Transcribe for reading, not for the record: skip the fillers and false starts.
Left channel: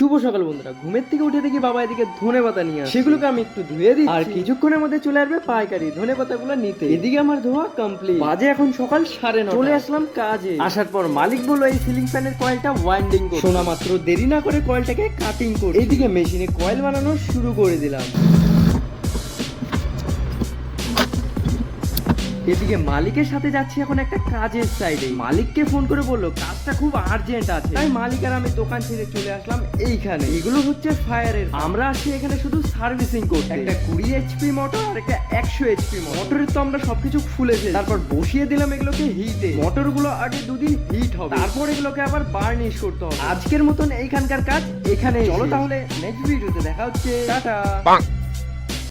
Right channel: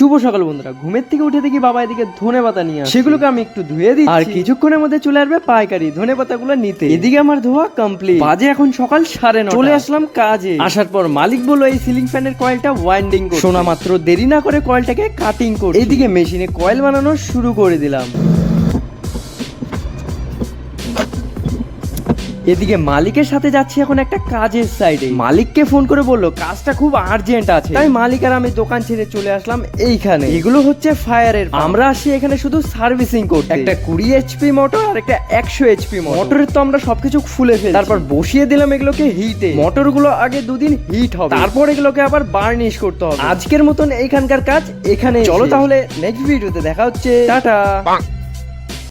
শুভ সকাল বন্ধুরা, ঘুমের থেকে উঠে দেখি বাবা এদিকে ধনেপাতা নিয়ে আসছে। সেগুলোকে আমি একটু ধুয়ে দিই আর কিছুক্ষণের মধ্যে চলে আসবে পাইকারি ধনেপাতাগুলো নিতে। এদিকে আমার ধোয়া কমপ্লিট, বাজে এখন সকাল 9:30। চলে আসলাম কাজে। আসার পর মালিক বললো এই সিলিং ফ্যানের কয়েলটা ওয়াইন্ডিং করতে। শোনা মাত্র দেরি না করে কয়েলটাকে কাটিং করে এইদিকে মেশিনে কয়েল বানানো শুরু করে দিলাম। এদিকে মালিকের সাথে যাচ্ছি এখন একটা কাজের সাইডে। মালিককে ফোন করে বললো কাজটা খুব আর্জেন্ট আছে, তাই মালিক আর আমি দোকান ছেড়ে চলে আসলাম এইখানে। এগুলো হচ্ছে ফায়ারের, আমরা আসি এখানে শুধু সার্ভিসিং করতে। একটা 20 HP মোটর আর একটা 100 HP মোটরের তো আমরা সবকিছু খুলে ফেলি, তারপর বসিয়ে দিলাম এগুলোকে হিটে। মোটরগুলো আগে 2 দিন হিট হবে, তারপর এগুলোকে আবার বার্নিশ করতে হবে। আজকের মতন এইখানকার কাজ এখানে। চলো তাহলে নেক্সট ভিডিওতে দেখা হচ্ছে, টাটা।